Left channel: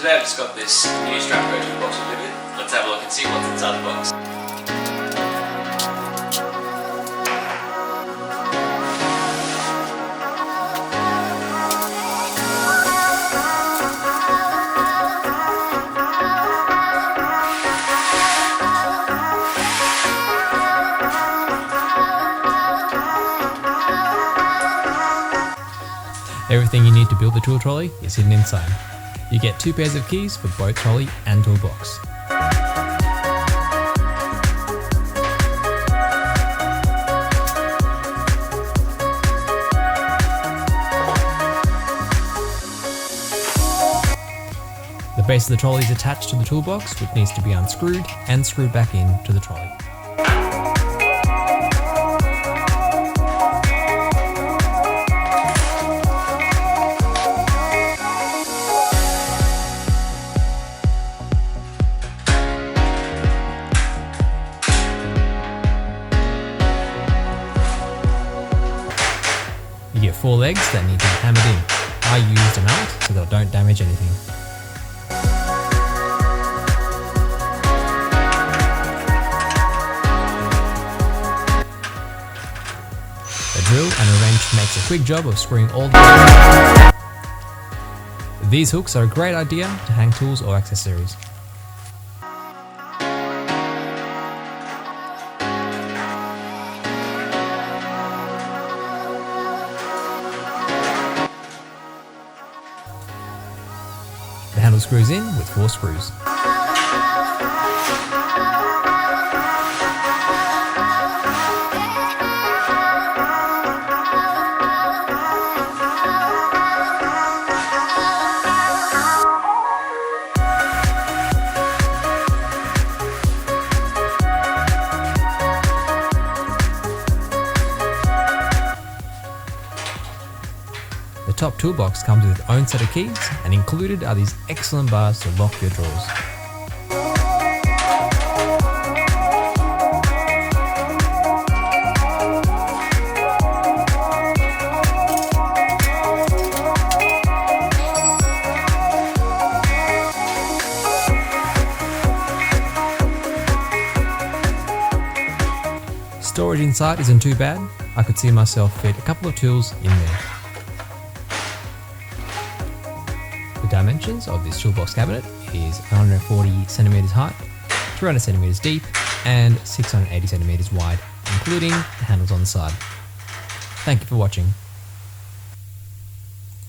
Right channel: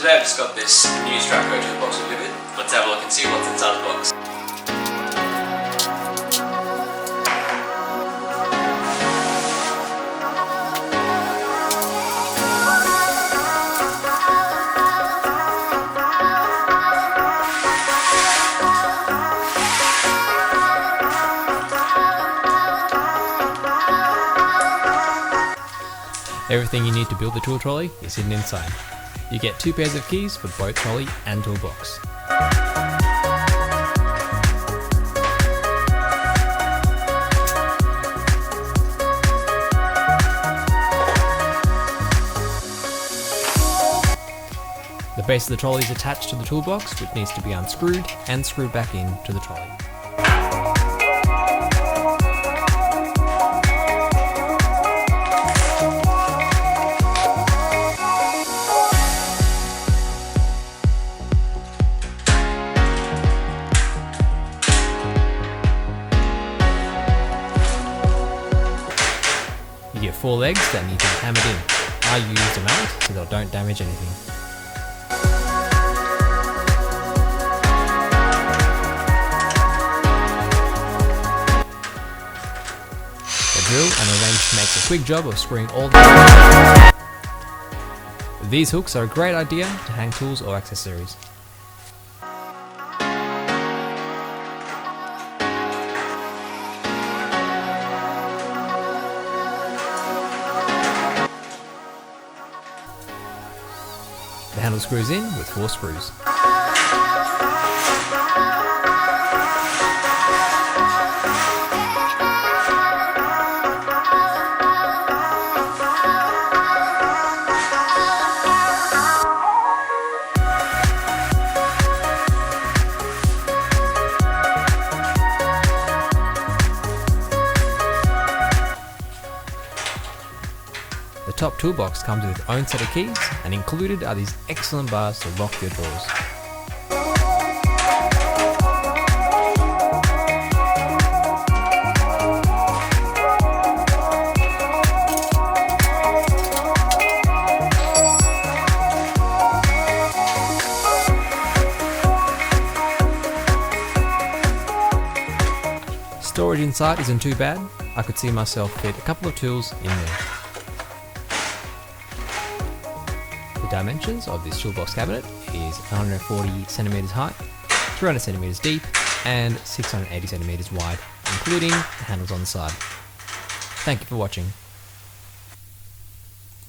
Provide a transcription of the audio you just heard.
Today I've just got this new Stratco toolbox delivered. Let's have a look and see what's inside the box. Everything you need to build the tool trolley is hidden inside. You get 2 pairs of keys for both trolley and toolbox. The base of the trolley is attached to the toolbox, which needs to be unscrewed and screwed back into the trolley. You get 4 legs that need to be hammered in. I used a mallet so they don't damage anything. The drill and a wrench makes a quick job of screwing all the... These hooks are a great idea to hang tools or accessories. The handle screws in with 4 screws. The top toolbox comes with its own set of keys, and included are these excellent bars to lock your drawers. Storage inside isn't too bad. I could see myself fit a couple of tools in there. The dimensions of this toolbox cabinet is 140cm height, 200cm deep, and 680cm wide, including the handles on the side. Thank you for watching.